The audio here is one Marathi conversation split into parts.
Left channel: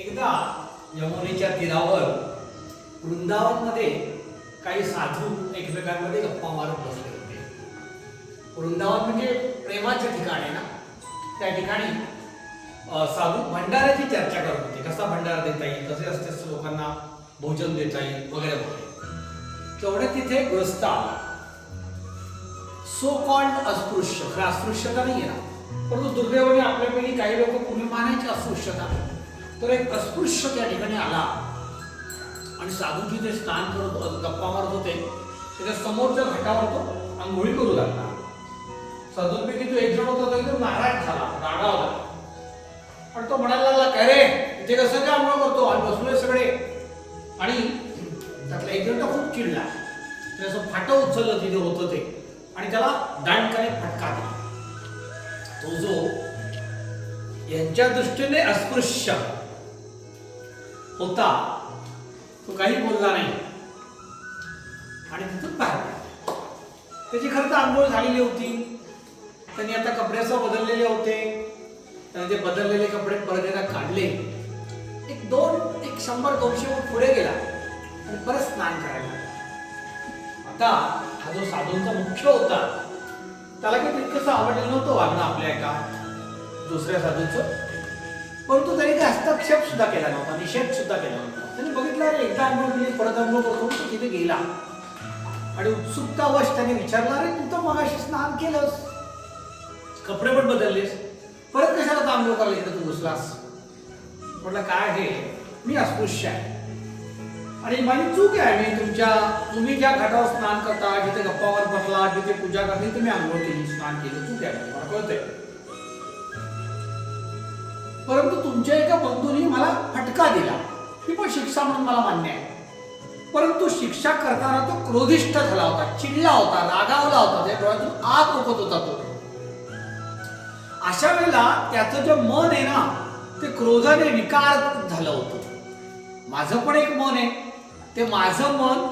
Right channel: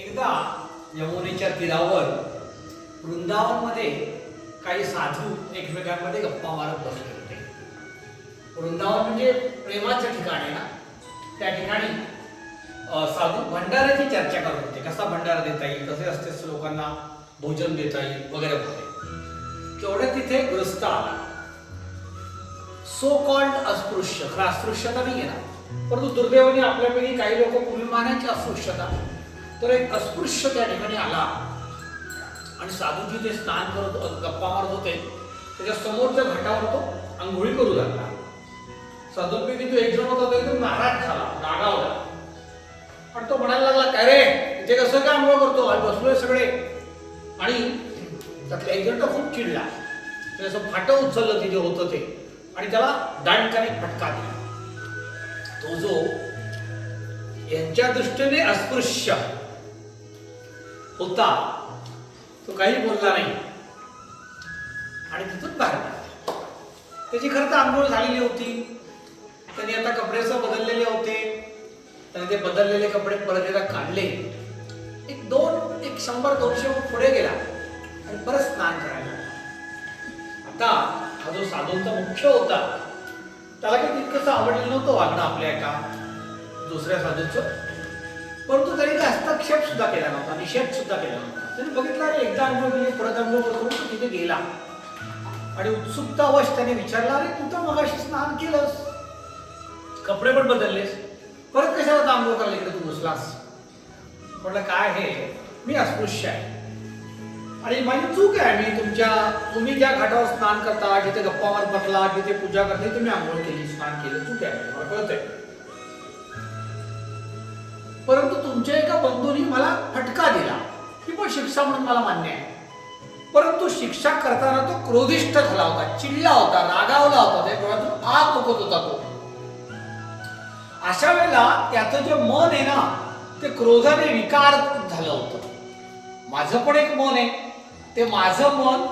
एकदा यमुनेच्या तीरावर वृंदावनमध्ये काही साधू एकमेकांमध्ये गप्पा मारत बसले होते. वृंदावन म्हणजे प्रेमाच्या ठिकाण आहे ना. त्या ठिकाणी साधू भंडाऱ्याची चर्चा करत होते. कसा भंडारा देता येईल, कसे असते लोकांना भोजन देता येईल वगैरे वगैरे. तेवढ्या तिथे ग्रस्त आला. सो कॉल्ड अस्पृश्य, खरं अस्पृश्यता नाही आहे, परंतु दुर्दैवाने आपल्यापैकी काही लोक पूर्वी मानायची अस्पृश्यता. तर एक अस्पृश्य त्या ठिकाणी आला आणि साधूजी ते स्नान करत गप्पा मारत होते. त्याच्या समोरच्या घाटावर तो आंघोळी करू लागला. साधूंपैकी तो एक जण होता, तो एकदम नाराज झाला, रागावला. पण तो म्हणायला लागला, काय रे इथे कसं काय आंघोळ करतो, आणि बसलोय सगळे. आणि त्यातला एक जण तो खूप चिडला. ते असं फाटं उचललं तिथे होतं ते, आणि त्याला दांडकाने फटका दिला. तो जो यांच्या दृष्टीने अस्पृश्य होता तो काही बोलला नाही आणि तिथून बाहेर पडला. त्याची खरं तर आंघोळ झालेली होती. त्यांनी आता कपड्याचा बदललेले होते. त्याने ते बदललेले कपडे परत एकदा काढले. एक 100-200 फूट पुढे गेला आणि परत स्नान करायला लागला. आता हा जो साधूंचा मुख्य होता त्याला काही तितकंसं आवडलं नव्हतं वागणं आपल्या एका दुसऱ्या साधूचं. परंतु त्यांनी ते हस्तक्षेप सुद्धा केला नव्हता, निषेध सुद्धा केला नव्हता. त्यांनी बघितलं एकदा अनुभव केली, परत अनुभव करून तो तिथे गेला आणि उत्सुकतावश त्याने विचारला, अरे तू तर मगाशी स्नान केलंस, कपडे पण बदललेस, परत कशाला तांबूळ करायला इकडे तू घुसलास? म्हटलं काय हे, मी अस्पृश्य आहे आणि माझी चूक आहे. मी तुम्ही ज्या घाटावर स्नान करता, जिथे गप्पा मारत बसला, जिथे पूजा करते, तुम्ही आंघोळ केली, स्नान केलं, चूक आहे, मला कळतंय. परंतु तुमच्या एका बंधूंनी मला फटका दिला, ही पण शिक्षा म्हणून मला मान्य आहे. परंतु शिक्षा करताना तो क्रोधिष्ठ झाला होता, चिडला होता, रागावला होता, त्या डोळ्यातून आग ओकत होता तो. अशा वेळेला त्याचं जे मन आहे ना, ते क्रोधाने विकार झालं होतं. माझं पण एक मन आहे, ते माझं मन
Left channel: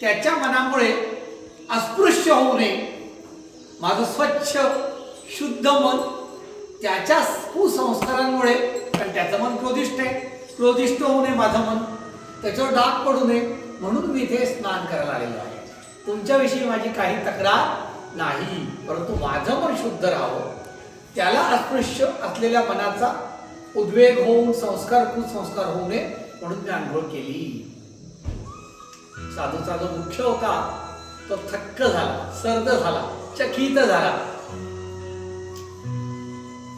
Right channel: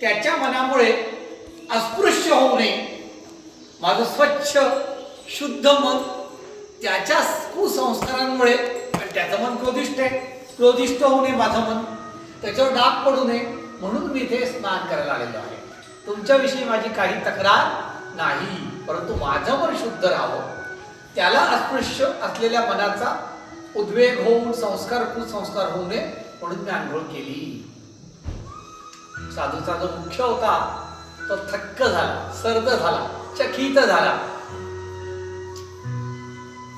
त्याच्या मनामुळे अस्पृश्य होऊ नये. माझं स्वच्छ शुद्ध मन त्याच्या कुसंस्कारांमुळे, कारण त्याचं मन क्रोधिष्ठ आहे, क्रोधिष्ठ होऊ नये माझं मन, त्याच्यावर डाग पडू नये म्हणून मी इथे स्नान करायला आलेलो आहे. तुमच्याविषयी माझी काही तक्रार नाही, परंतु माझं मन शुद्ध राहावं, त्याला अस्पृश्य असलेल्या मनाचा उद्वेग होऊन कुसंस्कार होऊ नये म्हणून मी आंघोळ केली. साधूचा जो मुख्य होता तो थक्क झाला, सर्द झाला, चकित झाला.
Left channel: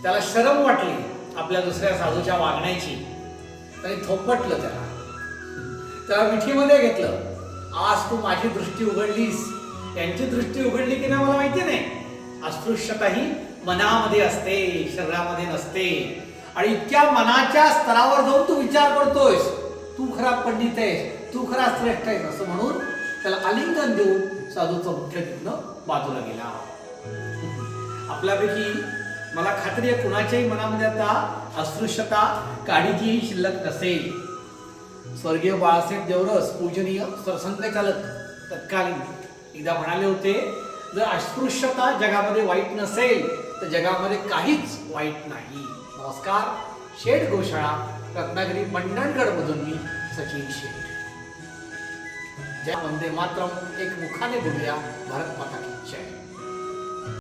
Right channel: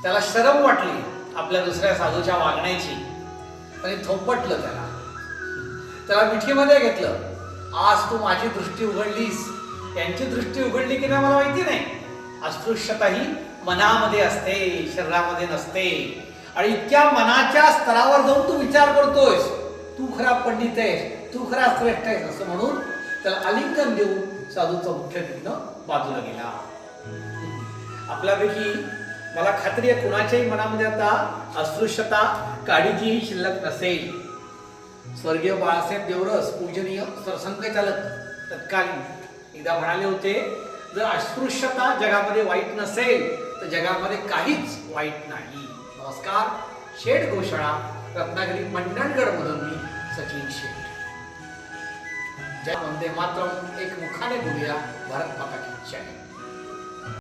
त्याला शरम वाटली आपल्या दुसऱ्या साधूच्या वागण्याची. त्याने थोपटलं त्याला मिठीमध्ये घेतलं. आज तू माझी दृष्टी उघडलीस, यांची दृष्टी उघडली की नाही मला माहिती नाही. अस्पृश्यता ही मनामध्ये असते, शरीरामध्ये नसते. आणि इतक्या मनाच्या स्तरावर जाऊन तू विचार करतोयस, तू खरा पंडित आहेस, तू खरा श्रेष्ठ आहेस असं म्हणून त्याला आलिंगन देऊन साधूचा मुख्य तिथनं बाजूला गेला. आपल्यापैकी मला खात्री आहे कुणाच्याही मनामध्ये आता अस्पृश्यता काडीचीही शिल्लक नसेल. स्वर्गीय बाळासाहेब देवरस पूजनीय सरसंघचालक तत्कालीन एकदा म्हणाले होते, जर अस्पृश्यता जगामध्ये वाईट नसेल तर जगामध्ये काहीच वाईट नाही. नमस्कार. शेठ गोशाळा, रत्नागिरी मंडणगड मधून मी सचिन शेठ. जय वंदे मातरम. एक मुखाने बोलूया. भारत माता की जय.